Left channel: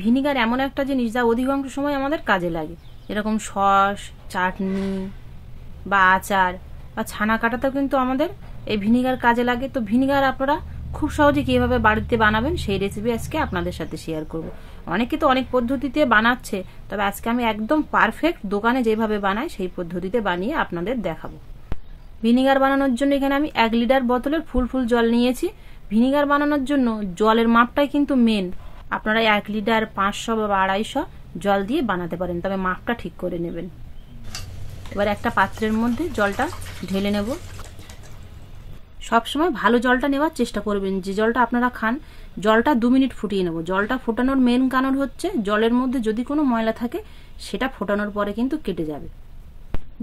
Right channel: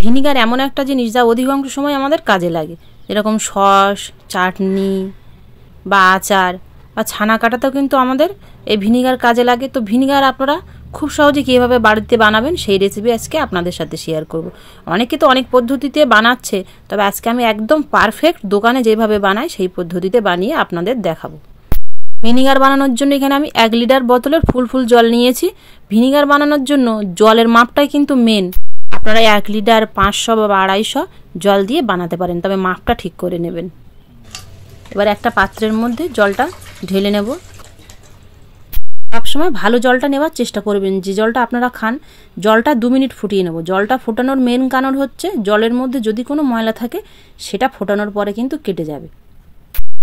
Vinegar এমন একটা জিনিস যা অধিকাংশ সময় আমাদের কাজে লাগে, যেরকম সস, চাটনি বা আচার বা ছানা কাটাতেও কিন্তু আমাদের এই ভিনিগার কাজে লাগে। তো ভিনিগার আপনারা খুব সহজে কীভাবে বাড়িতে বানাবেন সেই রেসিপি আজকে আপনাদের সাথে শেয়ার করব। অনেকে তো অনেক পদ্ধতিতে বানাচ্ছে, তবে আজকে আমি একদম পারফেক্ট দোকানে যেভাবে বানাই সেই পদ্ধতিতে বানিয়ে আপনাদের দেখাবো। ভিনিগার বানানোর জন্য এখানে আমি 1 লিটার বোতলের ফুল জল নিয়েছি। ভিনিগার বানানোর জন্য জলের মাপটাই কিন্তু মেন। আপনারা 1 লিটার 500 বা 250 জল দিয়ে বানাতে পারেন, তবে মাপটা ঠিক করে নেবেন। এবার একটা পাত্রের মধ্যে জলটা ঢেলে নেব। সবসময় ভালো জলটা নেওয়ার চেষ্টা করবেন, যে জলটা আপনারা খান। জলটা 2 মিনিট ফুটিয়ে নেব। জলটা ফোটানোর মেন কারণ হচ্ছে জলের মধ্যে যদি কোনো ময়লা থাকে সেটা ফোটানোর পরে কিন্তু কেটে যাবে।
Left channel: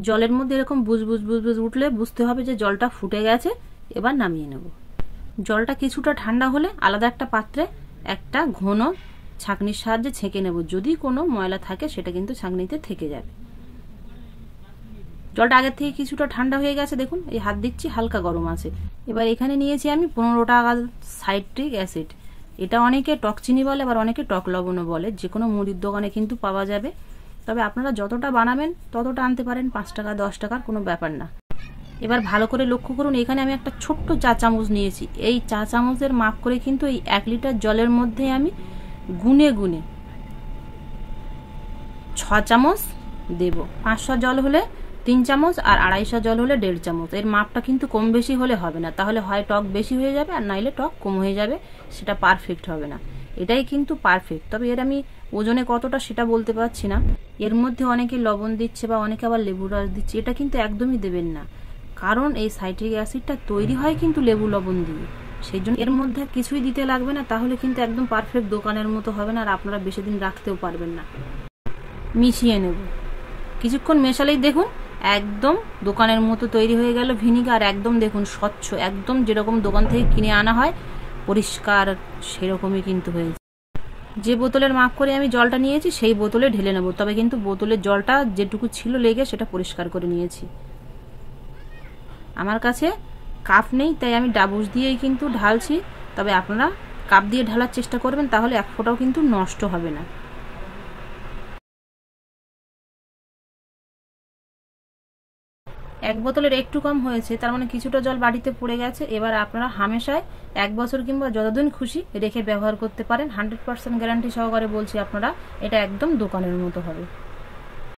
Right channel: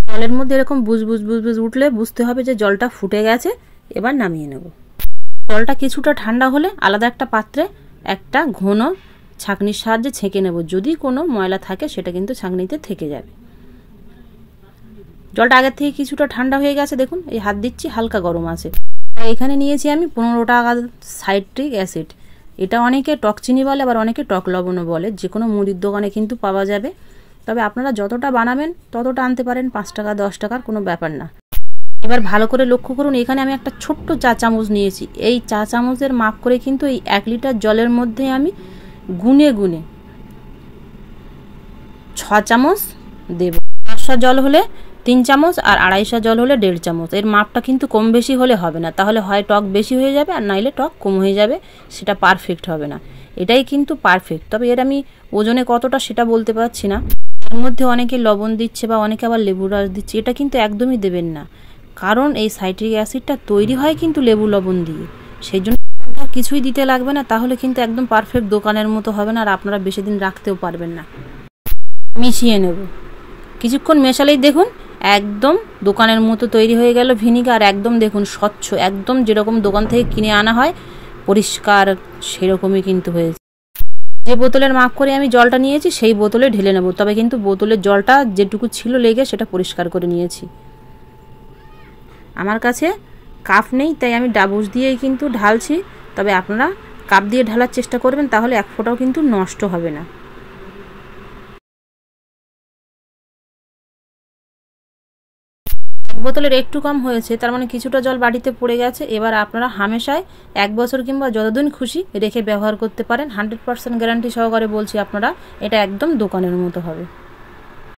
জলের মধ্যে এরকম বুজ উঠলে বুঝতে হবে যে জলটা ফুটে গেছে। এবার নামিয়ে নেব। জলটা কিছুটা ঠান্ডা হলে আলাদা একটা পাত্রে একটা ঘন ছাঁকনির সাহায্যে ছেঁকে নেব। যদি কোনো ময়লা থাকে সেটা কিন্তু ছাঁকনিতে থেকে যাবে। জলটা আগের থেকে কিছুটা ঠান্ডা হয়ে গেছে, দেখুন এই হাত দিচ্ছি হালকা গরম আছে। এবার এখানে নিয়েছি আমি 15 টাকা সাইট্রিক অ্যাসিড। এটা অনেকে টক চিনি বলে, আবার অনেকে টক লবণও বলে। যে কোনো মুদির দোকানে কিন্তু পাওয়া যাবে, তবে আপনারা যতটা বানাবেন ততটা আনতে পারেন। 5 টাকা 10 টাকার কোনো ব্যাপার না। এবার ভালো করে লক্ষ্য করুন, এখানে আমি একটা ছোট্ট চা চামচ নিয়েছি। এই চা চামচের মাপ করে কিন্তু এই 1 লিটার জলের মধ্যে আমি গুনে 6 চামচ দেব। 500 জল হলে 3 চামচ, আর 250 জল হলে 1.5 চামচ। এর মাপটা কিন্তু কম বেশি হলে হবে না, তাহলে হয় টক বেশি হয়ে যাবে আর নাইলে টক কম হয়ে যাবে, সেটা পারফেক্ট হবে না। এটাই কিন্তু পারফেক্ট। তবে এর আমি ওজনে কতটা সেটা বলতে পারছি না। এর মধ্যে অনেকে লবণ দিচ্ছে বা অনেকে আবার লেবু রস দিচ্ছে, এটা কিন্তু একদমই দেবেন না, কারণ এই সাইট্রিক অ্যাসিডটা তৈরি হয় কিন্তু লেবু লবণ দিয়ে। সেই জন্য এর মধ্যে কিছুই দিতে লাগবে না, তাহলে কিন্তু একদম পারফেক্ট দোকানের মতো হবে না, আর আপনারা বেশি দিন রাখতেও পারবেন না। মিশিয়ে নেব। কিছুক্ষণ মেশালেই দেখুন একদম দোকানের মতো তৈরি হয়ে গেল ভিনিগার। একদম দেখুন স্বচ্ছ, একদম যেরকম দোকান থেকে কিনে আনা হয় পরিষ্কার, সেরকমই কিন্তু হয়েছে। যে বোতলের মাপ করে আমি জলটা নিয়েছি সেই বোতলে ঢেলে নেব, তবে কিন্তু বোতলের জলটা যেটুকু ছিল লেগে সেটা পরিষ্কার করে নিয়েছি। আমার কাছে কাপ নেই, তাই আমি ডাবুস দিয়েই কিন্তু ঢালছি। তবে আপনারা কাপ দিয়ে ঢালার চেষ্টা করবেন, তাহলে এক ফোঁটাও কিন্তু নষ্ট হবে না। এক বোতলের একটু কম হয়েছে, তার মানে কিছুটা জল বাড়িতে পড়ে গেছে। এবার আপনারা হামেশায় 1 বছর কিংবা যতদিন খুশি রেখে ব্যবহার করতে পারেন। 100% গ্যারান্টি সহকারে বলছি আপনারা, এটা একদম দোকানের মতো হবে।